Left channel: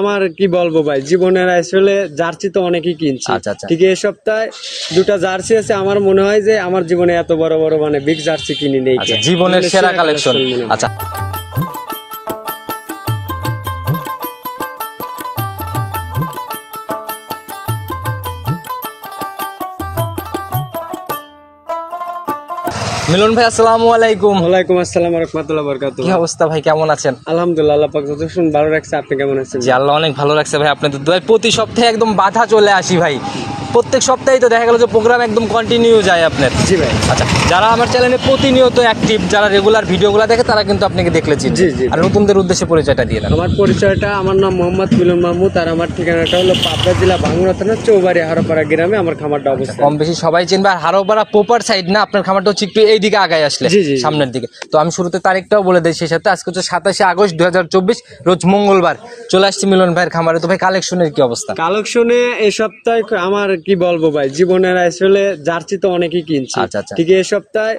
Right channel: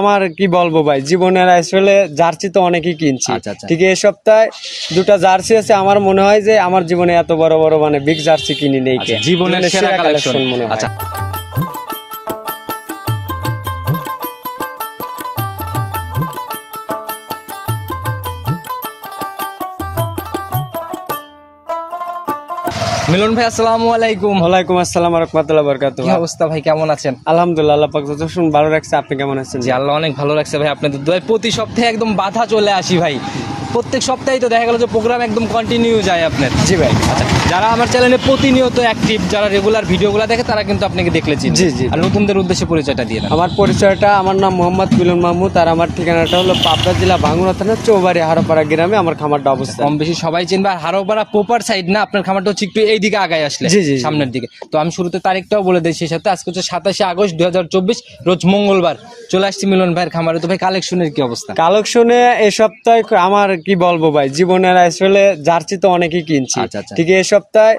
আমার কি বলবো ভাই, জীবনের আসলে জার্সি তো অনেকেই কিনছি। ঠিক এই সপ্তাহে দুটা জার্সি আছে। আমার মনে হয় যে আমার জীবনে এত বড় বড় মানে বিগ জার্সি কিনি নেই। জীবনের সেরা কালেকশন। আচ্ছা, মিলন ভাই আসসালামু আলাইকুম। ওয়ালাইকুম আসসালাম ওয়া রাহমাতুল্লাহি ওয়া বারাকাতুহু। কি অবস্থা ভাই, কেমন আছেন? আলহামদুলিল্লাহ, আল্লাহ পাক যতক্ষণ ভালো রাখছে। আপনি কেমন আছেন? জি আল্লাহ অনেক ভালো রাখছে ভাই। আপনাদের দোয়ায় প্রতি সপ্তাহে একদম বাধা চলে আসি ভাই। প্রত্যেক সপ্তাহেই তো দেখা গেল যে প্রোগ্রাম একদম কন্টিনিউ যায় আপনার। জি ভাই। আচ্ছা, যারা আমার চ্যানেলে প্রতিনিয়ত অ্যাক্টিভ, যারা রেগুলার ভিডিওগুলো দেখে তারা কিন্তু আপনাকে দেখলে চিনবে। জি জি। আর নতুনদের উদ্দেশ্যে পরিচয়টা দিয়ে দেন। আমার পরিচয়টা, আমার নাম মোহাম্মদ মিলন মাহমুদ, আর আমার ঠিকানাটা হলো পাবনা জেলা ভাঙ্গুড়া থানা চৌবাড়ি হারোপাড়া গ্রামে আমার খামারটা অবস্থিত। কম বেশি সবাই চিনবে। আর হারোপাড়া প্রপার সাইড না, আপনার খামারটা হচ্ছে একটু এইদিকে আগায় আসলে, সামনের দিকে। তো আমি শুরুতে তারিখটাও বলে দিই সেই সাথে। আজকে হচ্ছে 27 আগস্ট 2024, রোজ মঙ্গলবার। চলে আসছি মিলন ভাইয়ের খামারে। তো ভাই কালেকশনের কি অবস্থা? কালেকশনে এই সপ্তাহে আমার কি বলবো ভাই, জীবনের আসলে জার্সি তো অনেকেই কিনছি। ঠিক এই সপ্তাহে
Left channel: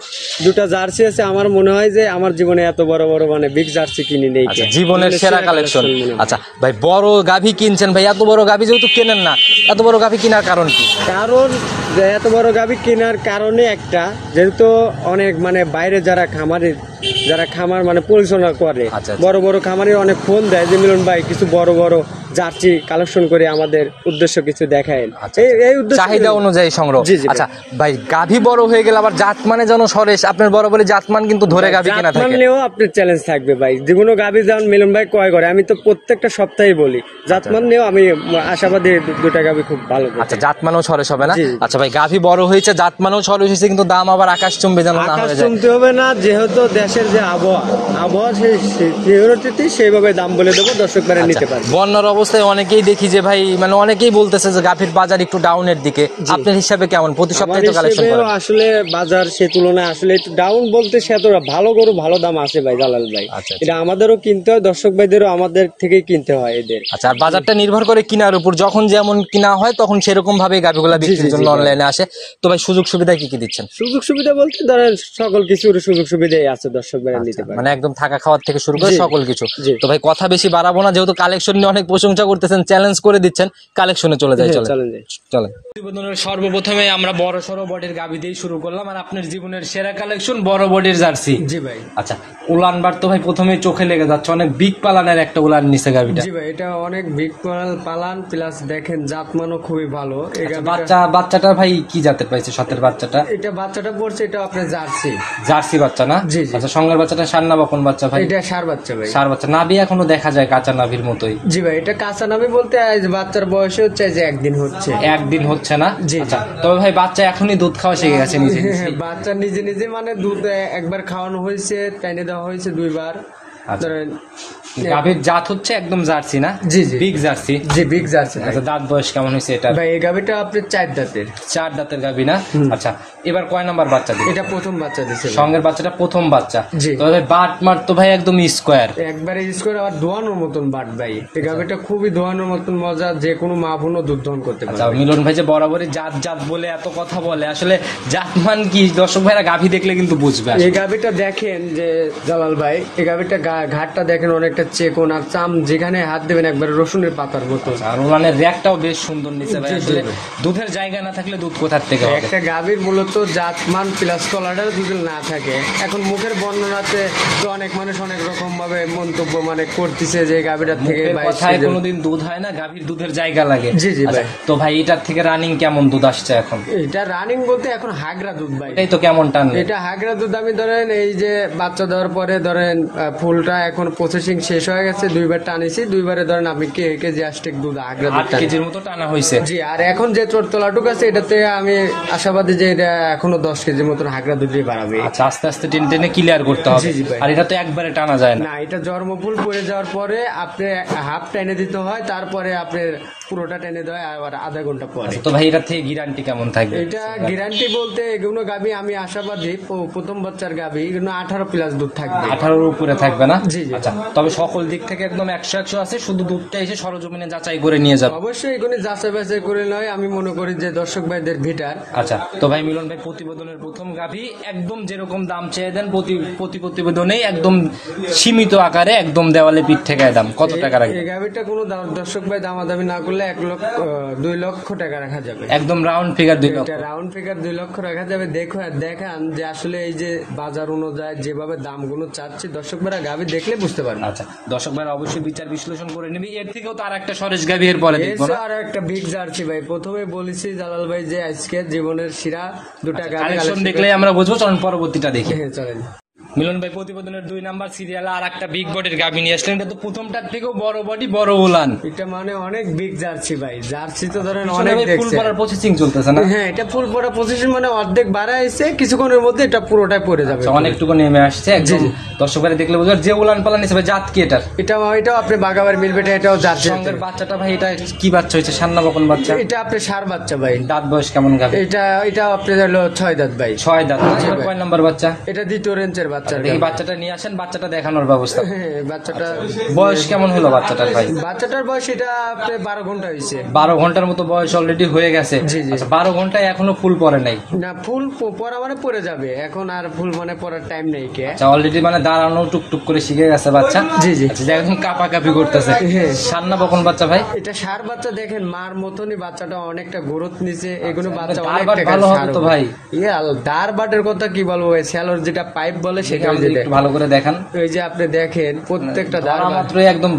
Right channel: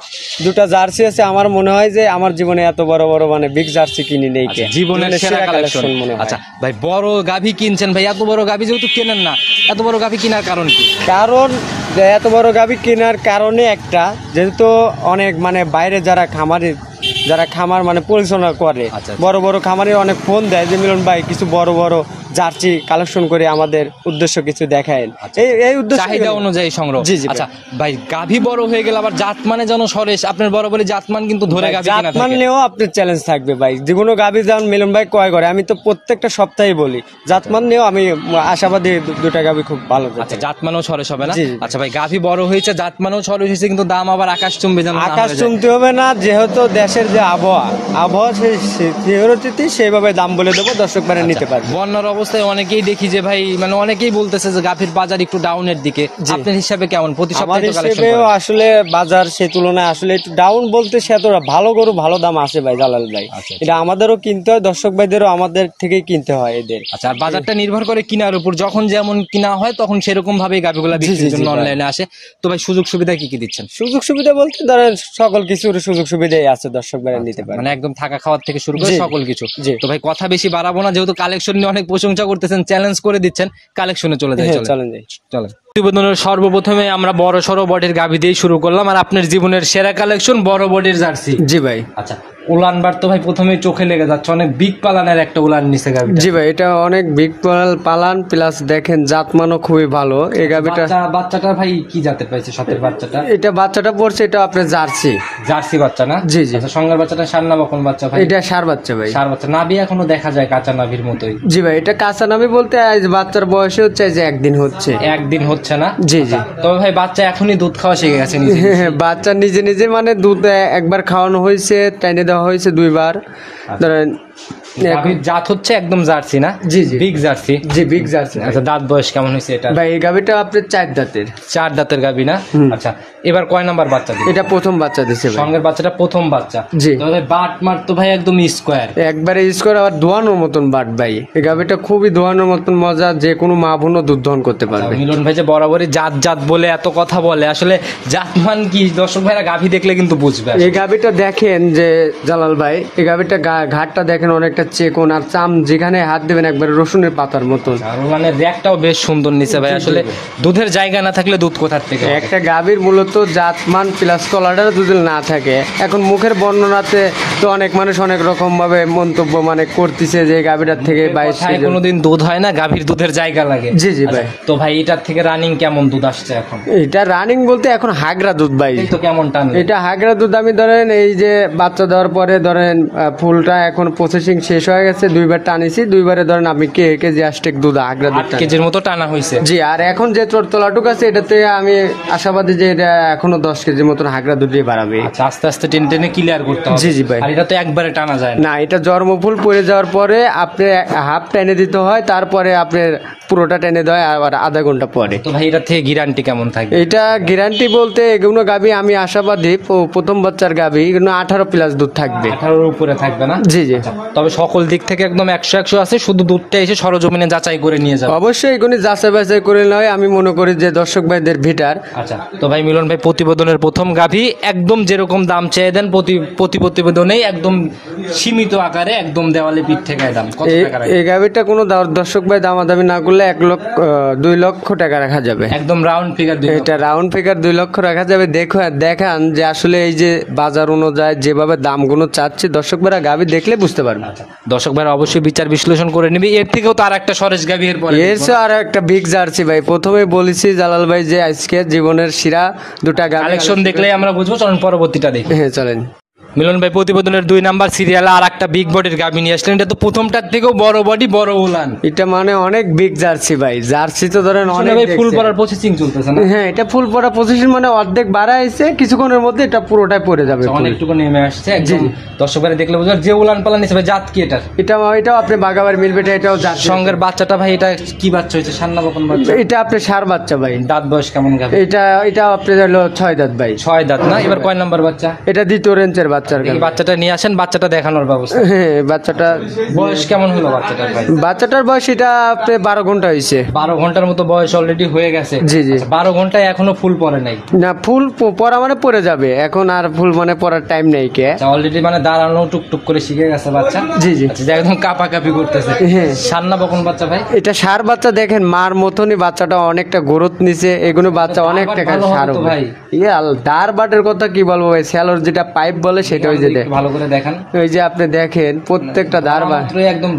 দুটা জার্সি আছে। আমার মনে হয় যে আমার জীবনে এত বড় বড় মানে বিগ জার্সি কিনি নেই। জীবনের সেরা কালেকশন। আচ্ছা ভাই, বড় গাভী কিনছেন ভাই। এত বড় গাভী যেহেতু কেনেন না, এত বড় গাভী কেনার কারণ কি? কারণ এত বড় গাভী কেনার কারণে একটা, যেহেতু অনেক মানে বাইরে যারা খামার মানে পরিচালনা করে, বড় বড় খামারে অনেক ফোন দেয় যে মিলন ভাই কিছু বড় বড় জার্সি কালেকশন করে আমাদের উদ্দেশ্য কিছু দেখায়। এই উদ্দেশ্য চাহিদা অনুযায়ী সংগ্রহ। আচ্ছা ভাই, গাভী বড় হয়ে গেল আবার জাতমানে যেন সরেশ, আপনার বরাবরই জাতমান কিন্তু ধরে গাভী কেনা থাকে। জাতমানেও আপনার চ্যালেঞ্জ থাকবে ভাই। যে কোনো গাভী যেমন মিলন ভাই ক্রয় করে, আমি তো প্রত্যেকটা সপ্তাহে বলি জাতমান নিয়েও আমি আশাবাদী দুটা গাভী খুব ভালো। আচ্ছা, জাতমানেও সরেশ হবে না? আচ্ছা ভাই, গাভী বড় হয়েছে, জাতমানেও সরেশ হয়েছে, কিন্তু দাম আবার আকাশ চুম্বে যেন না হয়ে যায়। আকাশ চুম্বতে হবে না, যেহেতু দেশের যে আবহাওয়া সেইভাবে দাম বলে দেবো, দর্শক ভাইরা নিতে পারবে। বন্যার অবস্থায় অনেকেই দেখি যে ভাই, মানে অনেকেই বলতেছে যে গাভীর বাজার একটু ডাউনের দিকে। আপনার হিসাবে কেমন? প্রতি সপ্তাহে তো কালেকশন করেন। আসলে বাজার সে তুলনায় আসলে একটু ডাউন বলতে সে তো ভালো গরু ভালো দাম আছে ভাই জালাল ভাই। এটা আমাদেরও কিনতে হয়, দর্শক ভাইদেরও আমাদের থেকেই কিনতে হয় এদের। আচ্ছা, আর বাজারটা নির্ভর করে কিনার উপর। যখন যেমন কিনা হয় তখন সেরকম ভাবে গাভীগুলা বিক্রির জন্য অনলাইনে আসে। তো ভাই সুযোগ সুবিধা কি কি দিচ্ছেন? সুযোগ সুবিধা বলতে ধরেন সকল কিছুর সুযোগ সুবিধাই আছে, দর্শক ভাইরা নিতে পারে। মানে একদম থাকা খাওয়ার থেকে শুরু করে সকল কিছু। তো ভাই কথা বেশি বাড়াবো না, যেহেতু কালেকশন নিয়ে অনেক প্রশংসা করতেছেন, চ্যালেঞ্জ করে দিচ্ছেন, কালেকশনে চলে যায়। চলে সর্বপ্রথমে আমরা বড় সড়ো বডির গাভী দিয়ে শুরু করলাম। আর আপনার জীবনের সেরা কালেকশন বড় বডির জার্সি। জি ভাই। আচ্ছা, উলানবার তো ভাই প্রথমেই চোখে লেগে যাচ্ছে, অনেক বিগ পালানের একটা উলান নিচে গাভীটা। জি ভাই, এটা অনেক বিগ পালান, প্লাস দেখেন জাতমানও খুবই ভালো। এই গাভীটা বাচ্চাটা ভাই কি জাতের পাইছে? সাথের বাচ্চাটা, এটা বাচ্চাটা পড়ছে, এটা আপনার জার্সি বাচ্চা না? জি জি। আচ্ছা, সঙ্গের বাচ্চাটা সার না বকন বাচ্চা ভাই? এটা সার বাচ্চা ভাই। সার বাচ্চা। নাভি এখনো দেখা যায় কাঁচা নাভির মতোই। জি ভাই, এটা কাঁচা নাভি বলতে বাচ্চার বয়স হচ্ছে যে একদিন হচ্ছে না। জি জি। তবে ভাই বাচ্চা এখনই দুধ খাওয়া শিখে গেছে। বাচ্চা নিজে নিজে মানে দুধ একবার খাওয়ানো হয়েছে, টাইনে দেওয়া হয়েছে 2 বার। ধরেন গাভীর জাত হচ্ছে একদম জার্সি না? জি জি, বিগ জার্সি। জি, বিগ জার্সি। আচ্ছা, দাঁত বয়স কেমন হয়েছে এটা ভাই? এই গাভীটা আপনার 4 দাঁতের। 4 দাঁতের গাভী না? আচ্ছা, এবার কয় নাম্বার বাচ্চা দিবে? এটা প্রথম বাচ্চা দিছে। সঙ্গের বাচ্চাটা প্রথম বাচ্চা। জি। তবে বাট মার তো ভাই একদম স্কোয়ার, একবারে স্কোয়ার, আর দোয়ানোর মতন বাট ভাই। এই গাভীটা খুবই দোয়ানোর মতন মজা, যে কোনো মা বোনও দুধ দহন করতে পারবে। মিলন ভাই যে বরাবরই জাত বলে এত কথা বলে, আসলে জাতমান কি দর্শক ভাইরা গাভী দেখলে কিন্তু বুঝবে। এই গাভীটা দেখেন যে জালাল ভাই, এই গাভীটা ঘাটটা দেখেন অনেকটা চেকন, আর চাম যেখানে হাত দেবেন একবার রসুনের পাতার মতো। আর ওলানের র্যাকটাও বেশ সুন্দর নিচে ভাই। আসলে দুধের জায়গা না থাকলে দুধ কোথার থেকে হবে? একটা গাভীর মূলত জাতমান প্লাস তলাটার যদি না থাকে, এখন মুখের বর্ণনাতে তো অনেক মানুষ অনেক রকম ভাবে মন্তব্য মানে করতেছে যে গাভীটার থেকে কোনোদিন দুধ হয় না, গাভীর দুধের জায়গা লাগে। জি জি ভাই। তো ভাই এটার থেকে রানিং কেমন দুধ আসছে এখন? এটা রানিং বলতে এখন হাগরা দুধ ভাই। এই তো কেমন টান? এটা হাগরা দুধ। আমি ধরেন এই যে বাচ্চা দেওয়ার পরে ধরেন ফুলটা এখন প্রসেসিং শেষ হয়ে গেছে, 2 বার টানিছি, 2 বারে ধরেন আপনি কেজি আষ্টেক দুধ হাগরা দুধ 8 কেজির মতো টানা হয়েছে। জি। আর এখন যে তোলাটুক আছে এটাতে আমি আশাবাদী যে এটা এখনো 10 কেজির মতন হাগরা দুধ দিয়ে বাড়াবে। আচ্ছা, আস্তে আস্তে টেনে ক্লিয়ার করতে হবে। জি জি ভাই। আর এটা তো একবারে টানা যায় না, এটা জন্মফুল পড়ে যাওয়ার পরে আপনি হাফ টেনে দিতে হয়, তারপরে আপনার পুরোটা টেনে দেয় আর আধা ঘন্টা পরে। তো ভাই এটা থেকে গ্যারান্টি কেমন থাকবে? এটা গ্যারান্টি বলতে এগুলো গাবি আমি আশাবাদী প্রথম বাচ্চার গাবি এগুলো 18+ দুধ থাকবে। 18-র উপরে থাকবে না? জি জি। তবে সকল দিক থেকে একদম 100 আছে, শুধু দুধটা এসে সরজমিনে যাচাই করে নিয়ে যাবে। অবশ্যই এগুলি যাচাই বাছাই করে নয়, আমি মনে করি যে দর্শক ভাইদের ভিটার। আচ্ছা, তো ভাই মিলন ভাই প্রতিবেদনের প্রথম গাভী একদম যেরকম দাম চেয়ে দেন প্রতিবেদনেই একদম সীমিত আকারে একদম দেওয়ালে পিঠ থেকে দাম কত টাকা রাখবেন? এই গাভীটা কোনো দর্শক ভাই দামাদামি না করলে 2 লক্ষ টাকা রাখা যাবে। একদম রাউন্ড ফিগার। এটা রাউন্ড ফিগার 2 লক্ষ রাখা যাবে। দেখান যে আসলে এই যে বাজার অনুযায়ী যেভাবে দামগুলো চাচ্ছে দর্শক ভাইরা গাভী দেখলে বুঝতে পারবে। আচ্ছা, দর্শক ভাইরা অবশ্যই বিচার বিশ্লেষণ করে নিবি। এর থেকেও তো আর একটা সরেশ গাভী এর পরে আর একটা বিগ জার্সি ভাই। প্রথমে বলেছি জালাল ভাই যে আজকে জীবনের সেরা 2টা গাভী কালেকশন দেখলে আমরা বুঝবো। চলুন পরবর্তীটা দেখি। হ্যাঁ চলেন। মিলন ভাই প্রতিবেদনের 2 নাম্বার সিরিয়ালে আর একটা বিগ বডির গাভী নিয়ে আসলেন। এটা তো প্রথমটার থেকেও বড় বডি, বড় উলান। এটা মানে অনেক বিগ জার্সি ভাই। জার্সি তো ধরেন অনেক ফুল দেখছে। পড়ার প্রসেসিং চলতেছে না? হ্যাঁ, এটা ফুল পড়া পজিশন মানে অর্ধেক বাড়া হইছে, কিছুক্ষণের মধ্যে এটা পুরোটাই পড়ে যাবে। অনেকটুকু নেমে আসছে একদম। দর্শক ভাই দেখলে বুঝবে যে উলান পালান নিছে ভাই। জাত কি এটা? এটাও আপনি বাগাবার মিলবে। এটাও জার্সি। সঙ্গের বাচ্চাটা ভাই এটা কি বাচ্চা হয়েছে? সান্না বকন বাচ্চা? এটা আপনি সার বাচ্চা ভাই। দাঁত বয়স কেমন গাভী? এটা আপনি হলো 6 দাঁত ভাই। 6 দাঁত না? এবার কয় নাম্বার বাচ্চা? এটা দ্বিতীয় রেঞ্জের বাচ্চা। দেখি বাচ্চাটা নিয়ে আসেন, বাচ্চাটা দেখানোর ব্যবস্থা। হ্যাঁ, বাচ্চাটা বয়স কেমন হলো বাচ্চাটার ভাই? বাচ্চাটার বয়স এটা আপনি 12 ঘন্টা হয়েছে। 12 ঘন্টার মতো বয়স অলরেডি হয়ে গেছে। জি জি। 12 ঘন্টায় এখনো ফুল পড়ে নাই? না, ফুল পড়া মানে পড়ে যাবে, এখন আর ফুল মানে পড়ার টাইম নেই কে। অলরেডি মানে দাঁড়ানো টুকটুক করে শিখে গেছে বাচ্চা। জি জি। আচ্ছা, একদম কাপাকাপি করতেছে। সান্না বকন বাচ্চা ভাই? এটা সার বাচ্চা। দেখেন মার মতনই বাচ্চাটা অনেকটা গ্রোথ নিছে। এগুলো বাচ্চা অনেক ভালো হবে তো ভাই। দার বাটের কথা কি বলবো ভাই, স্যালোর যেটা পাইপ বলে সেটা ভালো করে দেখান। ওই যে আপনি দেখেন প্রত্যেকটা দার মাত্র একদম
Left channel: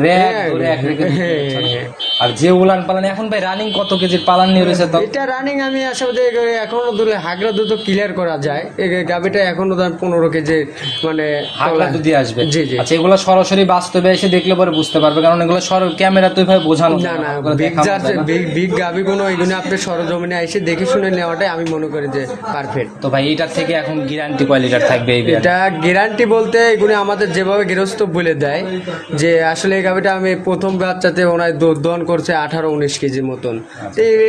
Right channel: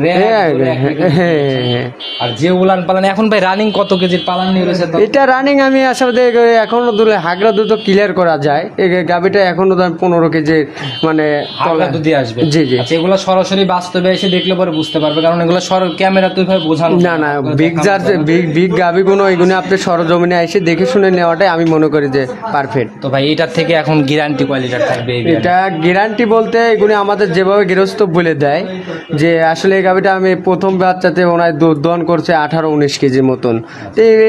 আর যে উলান পালান এখন ভাই রানিং কত কেজির পালান নিয়ে রয়েছে? তো এটা রানিং আমি আসলে এখনো দূরে হাগরা দুধ ক্লিয়ার করা যায়। এই গাবিটা এখনো 15 কেজি মানে হাগরা দুধই আসবে। জি জি। আচ্ছা, এগুলো সরাসরি বাস্তবে এসে দেখলে পরে বুঝতে পারবে, কারণ এগুলো ক্যামেরা তো ভাবে বোঝানো না। বিগ জার্সি বিগ গাবি গুলো এগুলো আপনি সরজমিনে এসে দেখে শুনে নেওয়াটাই আমি মনে করি যে পারফেক্ট। তো ভাই এটার থেকে এখন গ্যারান্টি কোয়ালিটির থাকবে? এটা গ্যারান্টি বলতে এগুলো আমাদের যেভাবে গৃহস্থ বলে দেয় যে আসলে এই গাবিটা আমি প্রথম বাচ্চাতে ওনার দুধ দহন করছে 18-19 কেজির মতন।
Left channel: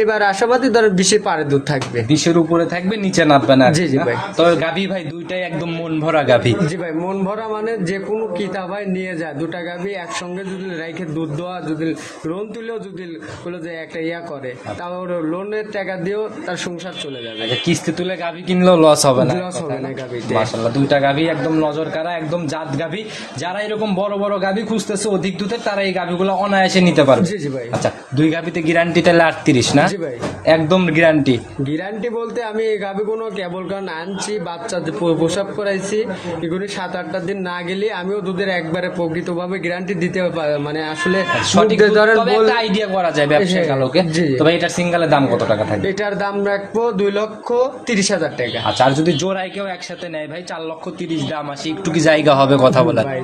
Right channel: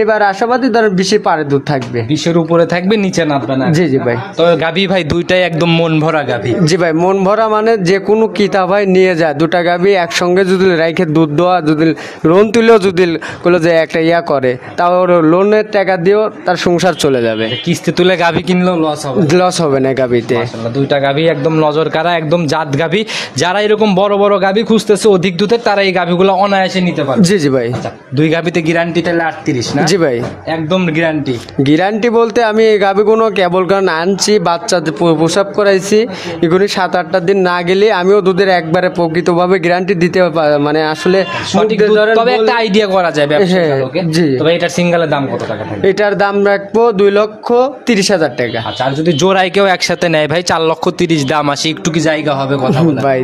এবার আশাবাদী ধরেন 20 পারে দুধ থাকবে। 20-এর উপরে থাকবে, নিচে নামবে না। জি জি ভাই। তো গাভী ভাই দুইটাই একদম মন ভরা গাভী। জি ভাই, মন ভরা মানে যে কোনো কিতা ভাই নিয়ে যায়। 2টা গাভী একসঙ্গে যদি রাইখে দুধ দেওয়া, যদি লোন তুলেও যদি বলে যে একটা করে, তাও লোনের টাকা দিয়েও তার সংসার চলে যাবে। কিস্তি তুলে গাভী কিনলেও লস হবে না গাভীতে। মাশাআল্লাহ, 2টা গাভী একদম নজর কাড়া, একদম জাত গাভী। যারা এরকম বড় বড় গাভী খুঁজতেছে অধিক দুধের, তারা এই গাভীগুলো অনায়াসে নিতে পারবে। জি জি ভাই। আচ্ছা, 2 গাভীতে গ্যারান্টি তাহলে 38 না? জি ভাই, একদম গ্যারান্টি বলতে আমি এই গাভীগুলো কেবল কারণ আনছি, বাচ্চা প্রসব করাইছি, এগুলি 7-8টা দিন না গেলে আমিও দুধের একবারে প্রকৃতভাবে গ্যারান্টি দিতে মানে আসলে সঠিক তবে একটা আইডিয়া করা যায় ব্যবসায়িক আলোকে। তবে এটার সিঙ্গেলের দাম কত টাকা থাকবে? এটার দাম রাখবো 2,30,000 টাকা। আচ্ছা, আর যদি জোড়ায় কেউ একসাথে নেয় ভাই 4,30,000 দাম আসে, একটু কি জায়গা হবে কথা বলা? ভাই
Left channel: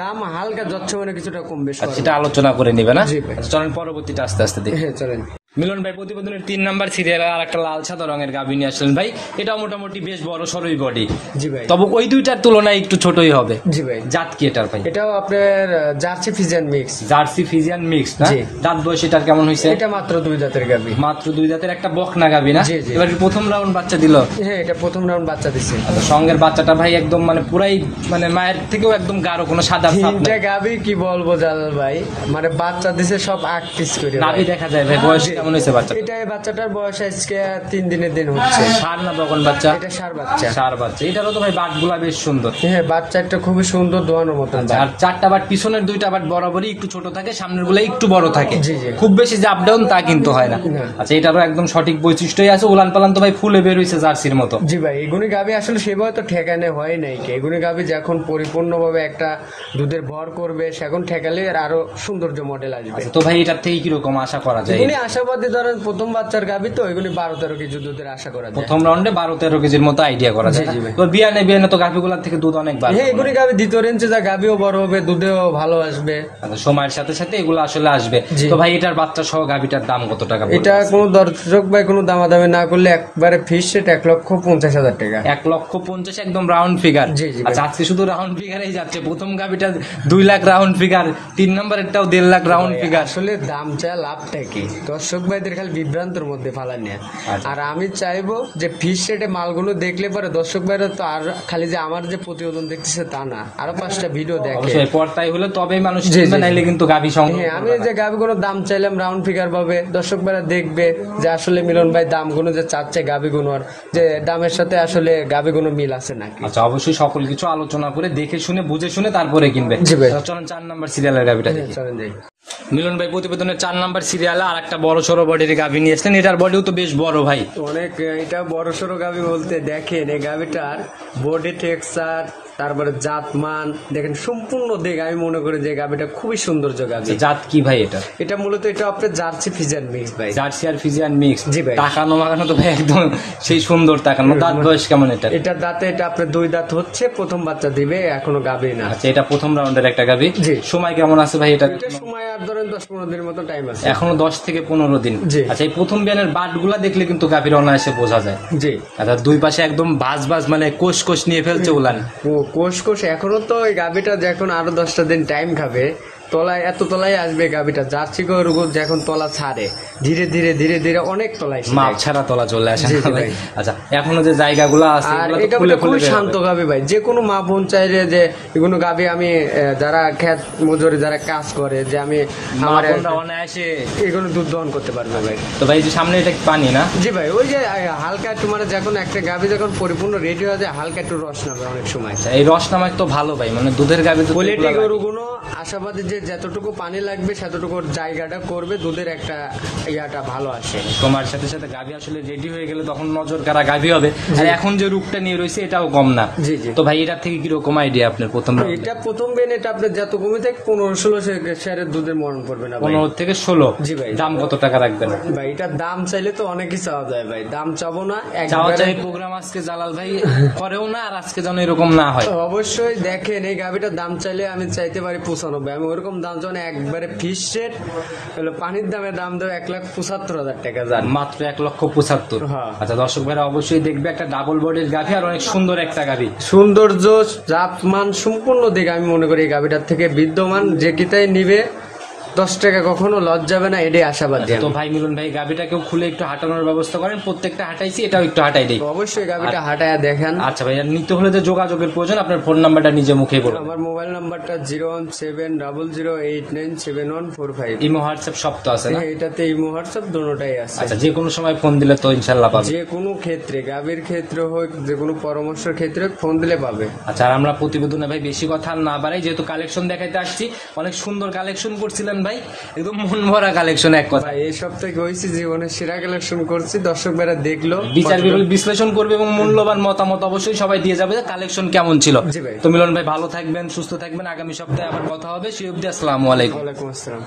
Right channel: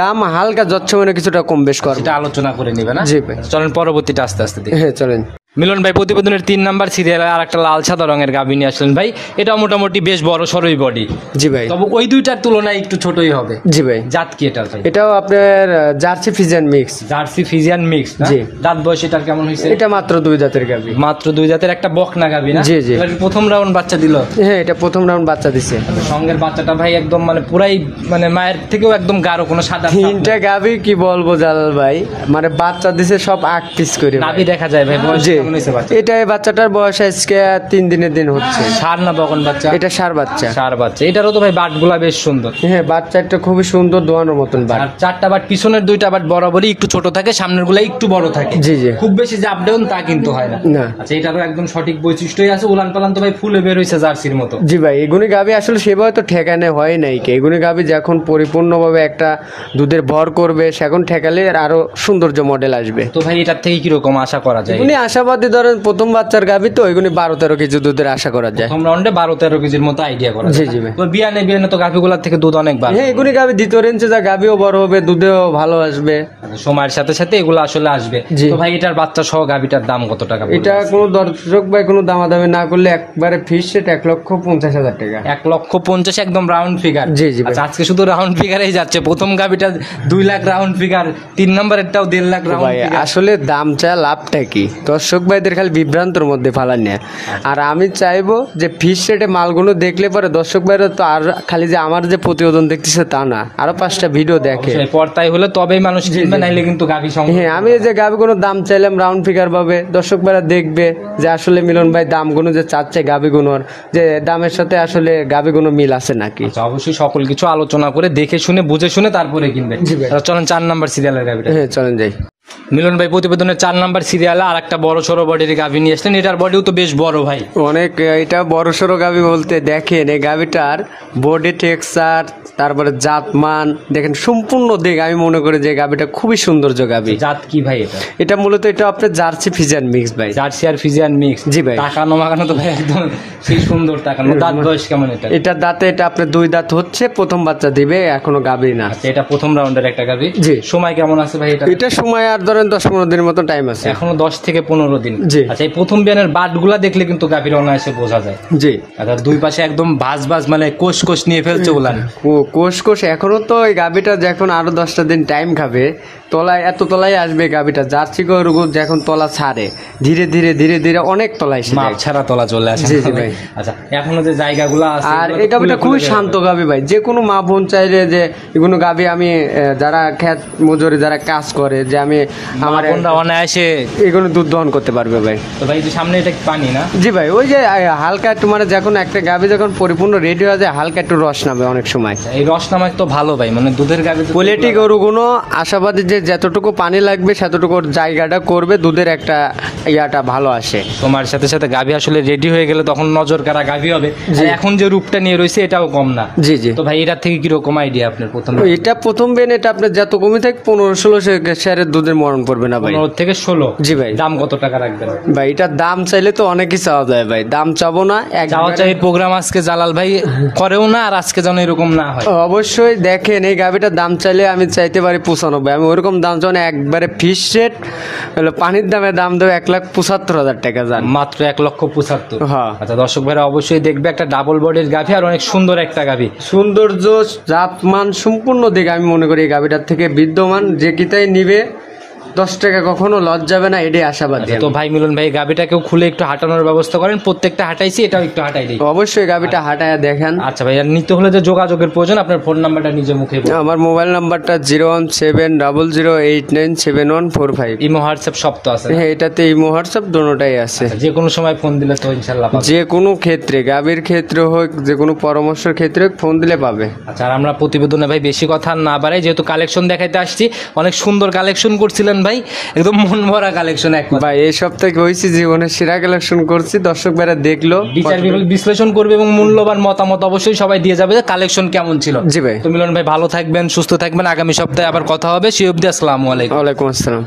দাম হালকা যাচ্ছে মানে কিছুটা কম বেশ করে সেটা আলোচনা করে নিবে না? জি ভাই। চলেন পরবর্তীটা আস্তে আস্তে দেখি। হ্যাঁ চলেন। মিলন ভাই প্রতিবেদনের 3 নাম্বার সিরিয়ালে আর একটা লাল সাদা রঙের গাভী নিয়ে আসলেন ভাই। এটা মোটামুটি বেশ বড় সরই বডি। জি ভাই। তবে ওই দুইটার তুলনায় একটু ছোটই হবে। জি ভাই। জাত কি এটার ভাই? এটাও আপনার jersey Friesian mix. Jersey Friesian mix না? জি। দাঁত বয়স এটার কেমন হয়েছে? এটা মাত্র 2 জাতের গাভী। মাত্র 2 জাতের একটা বকনা গাভী না? জি জি। এবার প্রথম রাউন্ড বাচ্চা দিল? হ্যাঁ, এটা প্রথম রাউন্ড বাচ্চা দিছে। সঙ্গের বাচ্চাটা ভাই একদম মানে পুরাই মানে মায়ের থেকেও একদম গাঢ়, কোনো সাদা ছাপ তিনটা গাভী কি বলবো জালাল ভাই, মানে বাচ্চা দিছে সব 8 পিস করে। গাভী দেখা যায় ভাই। বয়স কেমন হয়েছে বাচ্চা? এটা বাচ্চাটার বয়স আজকে 3 দিনের দিন হচ্ছে। সার না বকন বাচ্চা? এটা সার বাচ্চা। সার বাচ্চা। এটারও তো ভাই বাটগুলা বেশ সুন্দর। হ্যাঁ, বাচ্চা একটা খুবই সুন্দর দোয়ানোর মতন। আর 4টা বাট, পিছনের 2টা বাট বরাবরই একটু ছোট থাকে, সামনের গুলা একটু বড় থাকে। জি জি। খুব বেশি যে আপ ডাউন তা কিন্তু হয় না। আচ্ছা, এটারও একদম সঠিক বৈশিষ্ট্যই আছে। উলান পালান তো ভাই ফুলে বের হয়েছে জার্সির মতো। জি ভাই, এগুনি গাভী আসলে সেভাবে তো ঠেকানো হয় নাই কে। এগুনি গাভী যখন পরিপূর্ণভাবে একটা দুধের ভর করবে, সেখন ঠেকালে আরো সৌন্দর্য মডেল আসবে। তো ভাই এটার থেকে কিরকম আশা করা যায়? এগুনি আশাবাদী আশাবাদী ধরেন প্রথম বাচ্চার গাভী তো ওইগুলি 12-13 কেজি দুধের আশা করা যায়। প্রথম রাউন্ডে 12-13 কেজির মতো আইডিয়া করা যায়। তো বিয়ানে তো গাভীগুলোর থেকে দুধ অনেক ভালো। হ্যাঁ, এগুলি গাভী দ্বিতীয় রেঞ্জে যা গাভীও বড় হবে, দুধেও ভালো আসবে। সময়ের সাথে সাথে এগুলো আসলে আসবে। তো ভাই এটার বাচ্চা সহ গাভীটার দাম কত টাকা? এটা কোনো দর্শক ভাই কোনো দামাদামি না করলে একবারে ফিক্স রেট 1,50,000 টাকা। 1,50,000 একদম রাউন্ড ফিগার। জি জি। আচ্ছা, আজকে শুধু রাউন্ড ফিগারেই যাচ্ছে। প্রথম গাভীটা 2 lakh round figure, 3 নম্বরেরটাও 1.5 lakh round figure. আসলে দাম চা লাভটা কি দর্শক ভাইদের খালি বিভ্রান্তর মধ্যে ফালান না। আর আমি চাইবো যে ফিক্স রেটে মালগুলো দেখলে পরে দর্শক ভাইরা তো আর খালি যে আমার যে প্রতিবেদন দেখতেছে তা না, আরো 5টা ভিডিও দেখে পর্তায় হলে তবেই মানুষ চিনবে, নাইলে কিন্তু গাভী সংগ্রহ। হ্যাঁ, আমি যে গাভীগুলো দাম চাইলাম রাউন্ড ফিগার পাবে, দর্শক ভাইরা দেখবে যে আসলে মিলন ভাই দামগুলো যে চাচ্ছে গাভীগুলোর যে দামের সাথে আসলে গাভীগুলো মিল আছে নাকি। আচ্ছা, অবশ্যই সকল কিছু আলোচনা করে দেখে শুনে বুঝে শুনে তারপরে কিনবে। চলেন 4 নাম্বার সিরিয়ালের গাভীটা। হ্যাঁ চলেন যাই। মিলন ভাই প্রতিবেদনের 4 নাম্বার সিরিয়ালে আর একটা বড় সড়ো বডির গাভী নিয়ে আসলেন। এটার বডিও তো বেশ বড় ভাই, অনেক। এটা বড় সড়ো গাভী বলতে দেখেন এই গাভীটার বডি টেক্সচার, তারপরে জাতমান দেখেন সম্পূর্ণ দিক আমি মনে করি যে গাভীটা খুবই সৌন্দর্য গাভী। জাত কি ভাই এটা? এটা মূলত এটা আপনার জার্সি ফিজিয়ান মিক্স ভাই। জার্সি আর ফিজিয়ান মিক্স। জি ভাই। তাকানো মাকানো তো ভাই একদম সেই সুন্দর তাকানো। দাঁত বয়স কেমন এটা? এটা দাঁতে এটা আপনার 2 দাঁত হচ্ছে, প্রথম বাচ্চা দিবে, এখনো গাভী না। আচ্ছা, এটা প্রথম রাউন্ডের একটা গাভী। জি। সময় কেমন আছে ভাই এটা? এটা সময় আর ধরেন 10-15 দিনের মতো টাইম আছে। এখনো 10 থেকে 15 দিন। জি। আচ্ছা, এই প্রথম বিয়ানের বাটগুলা দেখলে কিন্তু গাভীর অনায়াসে বোঝা যায়। জি। আচ্ছা, দুই পাশে একদম ভাজ ভাজ মানে কোষ কোষ নিয়ে ফেলছে উলান। ও কোষ এখনো তো এই গাভীটা যখন আরো 10টা দিন টাইম খাবে তলায় এত তলায় আসবে গাভীটা। জার্সি গরু যখন তলা ছাড়ে ধীরে ধীরে ধীরে ধীরে অনেক তলায় মাপ ছাড়া তলা চলে আসে। আচ্ছা, এখনো যে জায়গাগুলো আছে আর এই গাভীটা খুব শান্ত গাভী ভাই। যে কোনো মা বোন চাইলে যে এগুলো গাভী আমি যারা খেত মজুরি যারা কাজ করে যে আমি আমার অনায়াসে এগুলো দুধ দহন করতে পারবে ভাই। তো ভাই যে সামনে এটা পানি না? জি ভাই, ওই যে হালকা একটু মানে যখন একটা গাভী যখন পরিপূর্ণ রেডি হয়ে যায় হালকা একটু রস নামে অনেক সময়। এই রস নামে তো ভালো ভাই, মানে দুধের গাভী কোয়ালিটি গরুগুলো আশাবাদী যে যতটুকু পানি লাগবে সেতটুকু জায়গাটা করবে, দুধের একটা ইয়াটা ভালো আসে। তোমার সাথে সাথে গাভী আসলে রেডি হয়ে গেলে তখন নজর কাড়া গাভী হবে। আর এখন যে রূপটা নিয়ে রয়েছে এটাও কম না। জি জি। তো ভাই এটার থেকে কিরকম আইডিয়া আপনার প্রথম? এটা প্রথম বেন এটা আপনার যত কমে থাকে 15-16 শেয়ারের দুধের মরণ পড়বে না ভাই। 15 থেকে 16। জি ভাই। দাম কত টাকা রাখবেন ভাই? এটার দাম চাইলে তো অনেকই চাওয়া যায় ভাই, দাম চাবো না। চাওয়া চাই প্রোগ্রাম আজকে জালাল ভাই করেও না, আর আজকে যেন এরকম না হয়। অবশ্যই দেখেন এই গাভীটার দাম চাইলে আমি চাইতে পারি 95। আমি ওরকম দাম চাই না, একবারে ফিস রেট হলো পানির দামে দাম দেবে 1,75,000 টাকা যান, মাত্র 1,75,000। হ্যাঁ। আচ্ছা, দর্শক ভাইরা অবশ্যই দেখবে একটা ডাবল বডির গাভী আর অনেক সুন্দর একটা গাভী। সৌন্দর্য জাতমান সম্পূর্ণ দিকে আমি মনে করি এই গাভীটার থেকে বিদ্যমান। যে কিতাই নিবে 10 টাকা কখনো লস যাবে না, এটাই আশাবাদী। তো ভাই মিলন ভাই গাভীটাকেও খুলে একটু হাঁটানোর ব্যবস্থা করেন। প্রত্যেকটা হাঁটাইছি, এটাও একটু হাঁটাই দিই। অবশ্যই গাভীটা হাঁটায় দেখেন। আচ্ছা ভাই, আর নিতে হলে যে যোগাযোগের প্রয়োজন আপনার ফোন নাম্বারটা নিজে মুখে বলুন। আমার মোবাইল নাম্বারটা 01700897145। ইমো হোয়াটসঅ্যাপ সব তো আছে না? হ্যাঁ, এটাতে ইমো হোয়াটসঅ্যাপ দুটোটাই আছে। আচ্ছা, যে কোনো সময় ফোন দিলে তো ইনশাআল্লাহ পাবে। যে কোনো ক্ষেত্রে গাভীর ক্ষেত্রে হোক, যে কোনো পরামর্শের ক্ষেত্রে ফোন দিলে পাবে। আচ্ছা, আর আমরা প্রতিবেদনে ভাই বেশি কথা না বাড়াই, যেহেতু কালেকশন দেখাইতে আসছি, অনেক সুন্দর কালেকশন করছিলেন ভাই, একদম মন ভরা কালেকশন। এক কথা ভাই এই সপ্তাহে হয়েছে জীবনের সেরা কালেকশন করছি, দর্শক ভাইরা দেখলো, বিচার বিশ্লেষণ করবে এবং মূল্যবান মতামত অবশ্যই সবাই দিয়ে যাবে যে কালেকশন কেমন ছিল। জি ভাই। তো মিলন ভাই ভালো থাকবেন, সুস্থ থাকবেন। আগামী সপ্তাহে আবার কথা হবে। সেই অবধি আসসালামু আলাইকুম। ওয়ালাইকুম আসসালাম।